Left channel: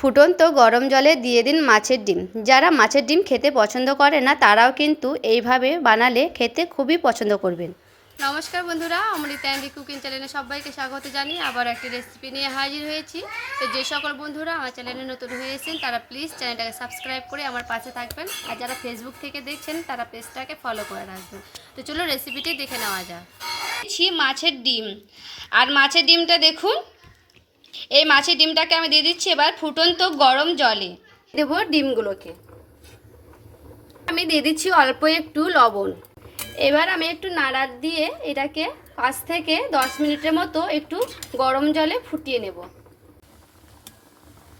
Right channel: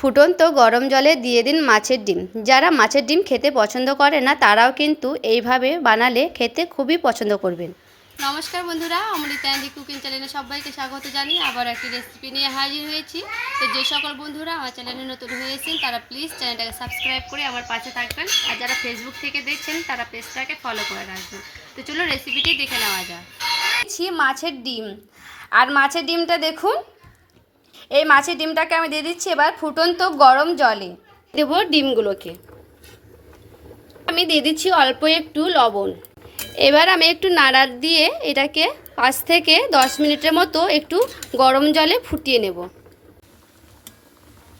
ফুটন্ত গরম জলে দিয়ে দিন মাছের ডিম। যারা মাছের ডিম খেতে পছন্দ করে না, তারাও কিন্তু এইভাবে বানালে খেতে খুবই পছন্দ করবেন। নমস্কার বন্ধুরা, অমৃতা অ্যান্ডি কুকিং চ্যানেলে সবাইকে স্বাগত জানিয়ে আবার একটি রেসিপি নিয়ে হাজির হয়েছি। তো যে সকল বন্ধুরা আমার চ্যানেলে নতুন হয়েছেন তারা প্লিজ চ্যানেলটাকে সাবস্ক্রাইব করে আমার পাশে থাকবেন। আর যারা ফেসবুক থেকে দেখছেন, তারা পেজটাকে ফলো করে রাখবেন। তো চলো রেসিপিটি দেখে নেওয়া যাক। মাছের ডিম। আর মাছের ডিমটা দেখুন এই মাছের ডিমটাকে আমি দিয়ে দিচ্ছি এবার ফুটন্ত গরম জলে। দেবো ডিমগুলোকে। আমি দিয়ে দিচ্ছি অল্প একটু লবণ। এবার আমি একটু নাড়ার দিয়ে এটাকে পাঁচ থেকে দশ মিনিটের মতো একটু গরম জলে ফুটিয়ে নেব।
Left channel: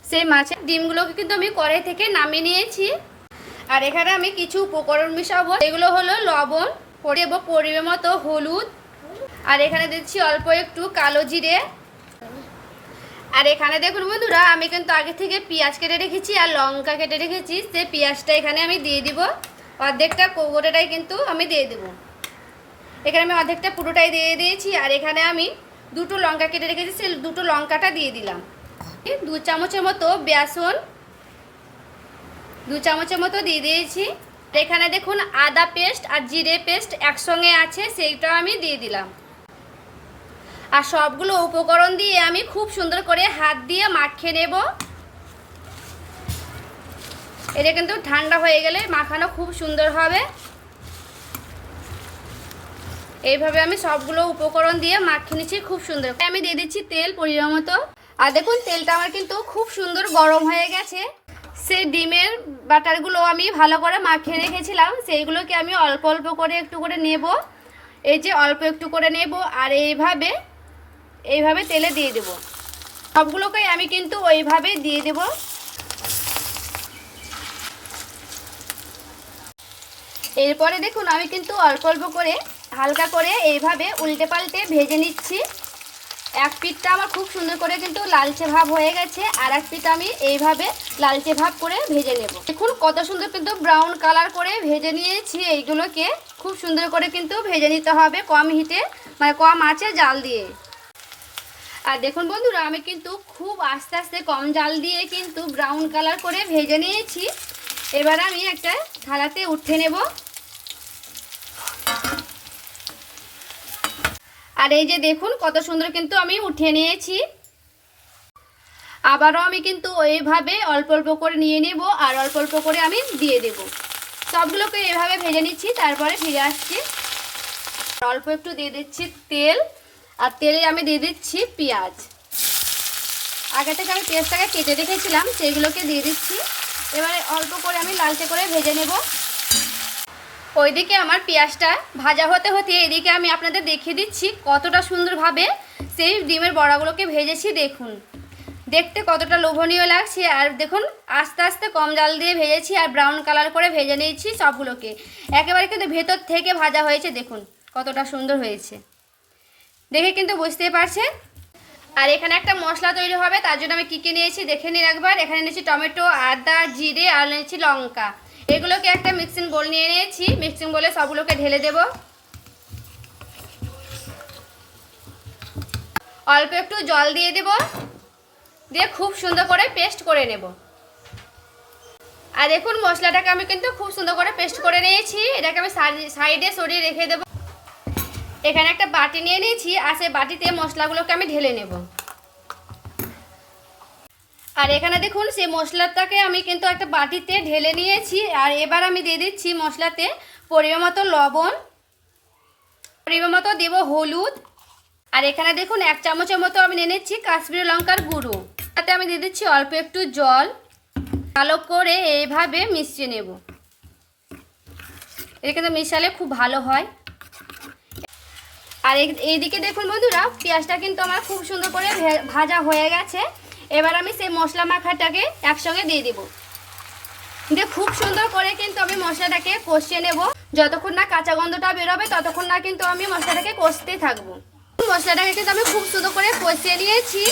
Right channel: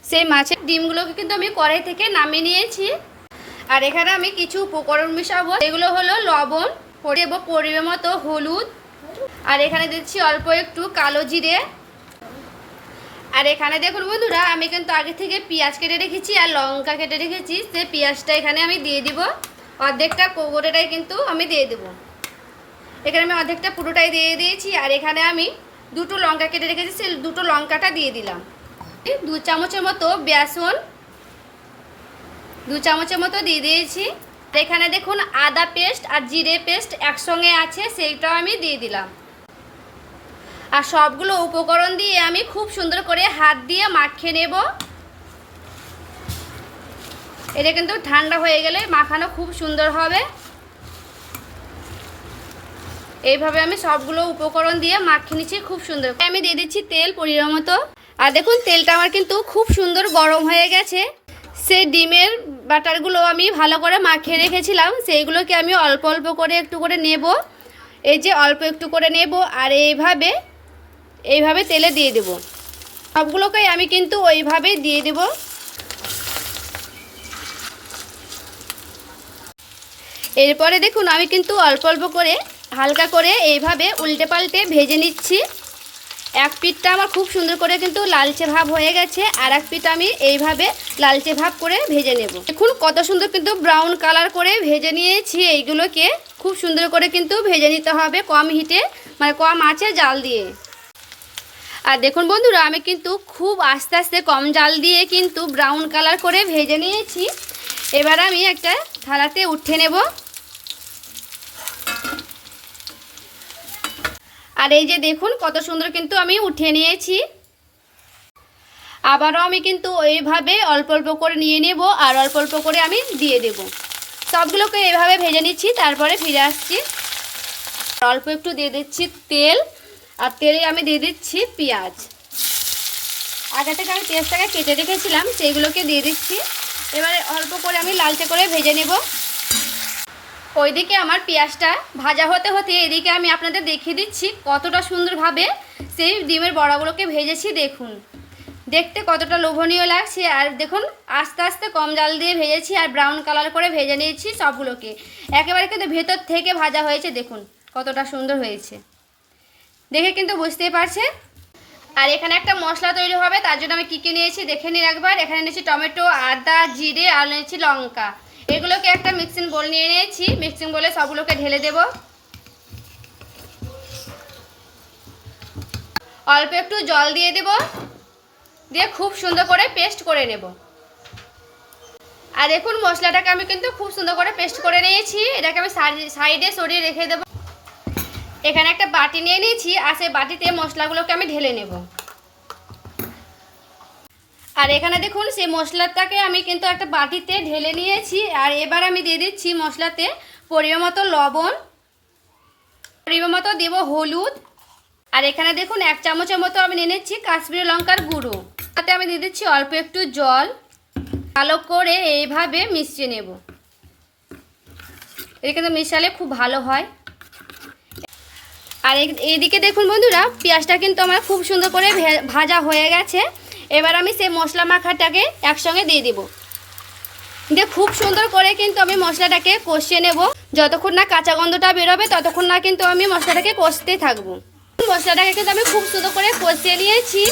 সেই মাছের ডিমগুলোকে কিন্তু আমি কড়াই থেকে নামিয়ে নিয়েছি। আর এখানে আমি কিছু উপকরণ মিশাবো এগুলো হলো লবণ দেবো পরিমাণ মতো হলুদ। আর এখানে দিচ্ছি অল্প একটু কালো জিরে। আর এখানে দেখুন বন্ধুরা, আমি কিন্তু আগে থেকে পেঁয়াজ কেটে রেখেছি আর লঙ্কা কেটে রেখেছি। সে পেঁয়াজটা এখানে আমি দিয়ে দিব। অর্ধেকটা কোগোটাটাই কিন্তু আমি দিয়ে দেব। এখানে আমি অর্ধেকটা পুরোটাই দিয়ে দিয়েছি আর এখানে আমি দুটো লঙ্কা কেটে রেখেছি সে দুটো লঙ্কাটা দিয়ে দিলাম। দু চামচের মতো বেসন, দু চামচের মতো দিয়ে দিয়েছি। এখানে দেখুন আদা পেস্ট আর জিরে পেস্ট একসঙ্গে আছে, সেইটাও আমি দিয়ে দিলাম। আর সবগুলো উপকরণ দিয়ে আমি খুব সুন্দর করে হাত দিয়ে মাখিয়ে নেব। এটা কিন্তু ঠান্ডা হয়ে গেলে মাখানো খুব সুন্দর হবে। এইভাবে আমি সবগুলো উপকরণ দিয়ে মাখিয়ে নিচ্ছি খুব সুন্দর। আমি দিয়ে দিচ্ছি তেল পরিমাণ মতো। আর দেখুন, তেলটা আমার কিন্তু খুব সুন্দর গরম হয়ে গেছে। সেই ডিমের বাটারগুলো আমি ভালো করে মাখিয়ে রেখেছিলাম। সেইগুলোকে আমি অল্প অল্প করে একটু করে নেব। এই যে অল্প একটু করে নেব। আর এইভাবে এইভাবে তেলে দিয়ে দেব। সবগুলোকে আমি কিন্তু ওইভাবে দিয়ে দেব। এরপরে দেখুন, আমি কিন্তু অল্প অল্প করে হালকা করে এইভাবে উল্টে পাল্টে ভেজে নিচ্ছি। এক পিঠটা আমার খুব সুন্দর করে কিন্তু লালচে ভাব হয়ে গেছে, আর এক পিঠ আমি এইভাবে লালচে ভাব করে ভেজে নেব। দেখুন, কত সুন্দর কিন্তু ব্রাউন কালার করে ভেজে নিয়েছি এইগুলোকে। খুব সুন্দর করে কিন্তু ভেজে নিতে হবে কম হিটে মানে কম আছে জাল দিয়ে। আর দেখুন বন্ধুরা, আমি কিন্তু খুব আস্তে আস্তে কম জাল দিয়ে কিন্তু ব্রাউন কালার করে ভেজে নিয়েছি। এবার আমি একটা থালাতে উঠে নেব। আর এই যে দেখুন, কত সুন্দর কিন্তু আমি উঠে নিয়েছি। আবারও আমি কিন্তু ওইভাবে অল্প অল্প করে নিয়ে নেব আর অল্প অল্প করে আমি দিয়ে দেব। সবগুলোকে এইভাবে ভেজে নিচ্ছি, তারপরে ফিরে আসছি। অল্প একটু দিয়ে দিচ্ছি তেল। আর তেলে আমি দিয়ে দিচ্ছি পেঁয়াজ। আগে থেকে আমি পেঁয়াজটাকে কেটে রেখেছিলাম, সেইগুলোকে দিয়ে দিচ্ছি। এবারে অল্প করে আমি লালচে করে ভেজে নেব। ওইদিকে আমার পেঁয়াজটা ভাজা হতে হতে এদিকে আমি আপনাদের দেখিয়ে দিচ্ছি কতটা সুন্দরভাবে সেই ডিমের বড়াগুলোকে ভেজেছি, দেখুন। দেখতে কতটা লোভনীয় লাগছে। আর দেখুন, আস্তে আস্তে কম জাল দিয়ে ভেজেছি আর ব্রাউন কালার করে ভেজে নিয়েছি সবগুলোকে। একেবারে কিন্তু ভেতর থেকে ভাজা হয়েছে, দেখুন, কতটা সুন্দর হয়েছে। দেখে কিন্তু বুঝতেই পারছেন? আর এখানে একটা মশলা তৈরি হবে, তার জন্য আমি কী কী নিয়েছি দেখে নিন একবার। এখানে নিয়েছি টমেটো, আদা, জিরে, আর নিয়েছি লঙ্কা। এগুলোকে একটা মিক্সিং বোল নিয়ে নিয়েছি। মিক্সিং বোলে সবগুলোকে ঢেলে দেব। অল্প একটু জল দিয়ে দেব। দিয়ে খুব সুন্দর করে পেস্ট করে নেব। আর দেখুন মশলাটাকে আমি কিন্তু খুব সুন্দর করে পেস্ট করে নিয়েছি। এটাকে আমি সাইডে সরিয়ে রেখে দেবো। এখানে একটা বাটি নিয়ে নিয়েছি, আর সেই বাটিতে মশলাগুলোকে আমি ঢেলে নেব। আর এখানে দেখুন, সেই মশলাটাকে আমি কিন্তু একটা বাটিতে ঢেলে নিয়েছি, আর এবার আমি দিয়ে দিচ্ছি মশলাতে পরিমাণ মতো লবণ, পরিমাণ মতো দেব হলুদ, আর এখানে দেখুন, এক চামচের মতো আমি নিয়ে নিচ্ছি কাশ্মীরি লঙ্কার গুঁড়ো। তাতে আমি দিয়ে দিচ্ছি অল্প একটু জল, ভালো করে এইভাবে মিশিয়ে নেব। এটা কিন্তু মিশালে খুব ভালো হয়। আর এইদিকে দেখুন বন্ধুরা, পেঁয়াজটা কিন্তু আমার খুব সুন্দর করে ভাজা হয়ে গেছে। এবার আমি সেই মশলা মাখাটাকে একসঙ্গে দিয়ে দিব। দিয়ে খুব সুন্দর করে কিন্তু আমি মশলাটাকে কষিয়ে নেব। যতক্ষণ না কাঁচা গন্ধটা বেরোবে, ততক্ষণ না কিন্তু আমি মশলাটাকে কষতে থাকব। মশলাটাকে কিন্তু আমি খুব সুন্দর করে কষিয়ে নিয়েছি।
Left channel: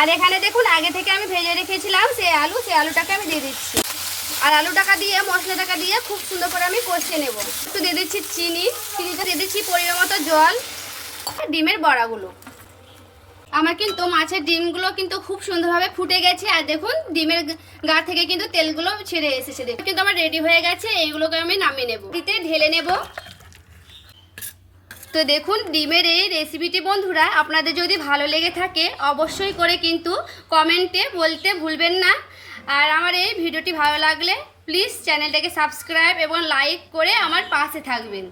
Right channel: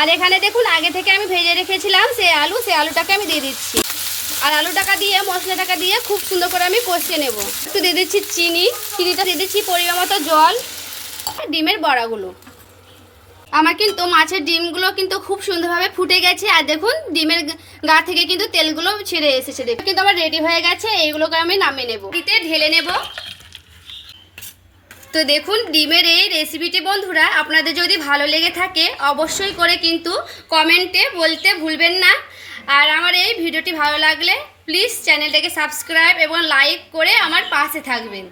আর এখানে দেখুন, আগে থেকে আমি ভেজে রেখেছিলাম সেই আলু, সেই আলুটাকে আমি দিয়ে দিচ্ছি। আর আলু টাকা দিয়ে, মশলা টাকা দিয়ে খুব সুন্দর করে আমি কষিয়ে নেব। একটু দিয়ে দিচ্ছি চিনি, চিনিটা দিয়ে দিচ্ছি পরিমাণ মতো জল ডিমের বড়াগুলো। আমার কিন্তু মাছের ডিমগুলো কিন্তু খুব সুন্দরভাবে ফুটে গেছে। আর দেখুন, ডিমের গা- থেকে কিন্তু তেলগুলো ছেড়ে এসেছে। দেখুন, কিন্তু আমার রেডি হয়ে গেছে, এইগুলোকে আমি নামিয়ে নেব। এতে ঢেলে নেব। তো দেখুন, ডিমের এই রেসিপিটি বন্ধুরা, আপনাদের যদি ভালো লেগে থাকে, অবশ্যই করে কিন্তু কমেন্টে বলতে ভুলবেন না। আর আমার এই ভিডিওটি ভালো লাগলে প্লিজ চ্যানেলটাকে সাবস্ক্রাইব এবং লাইক করে আমার পাশে থাকবেন।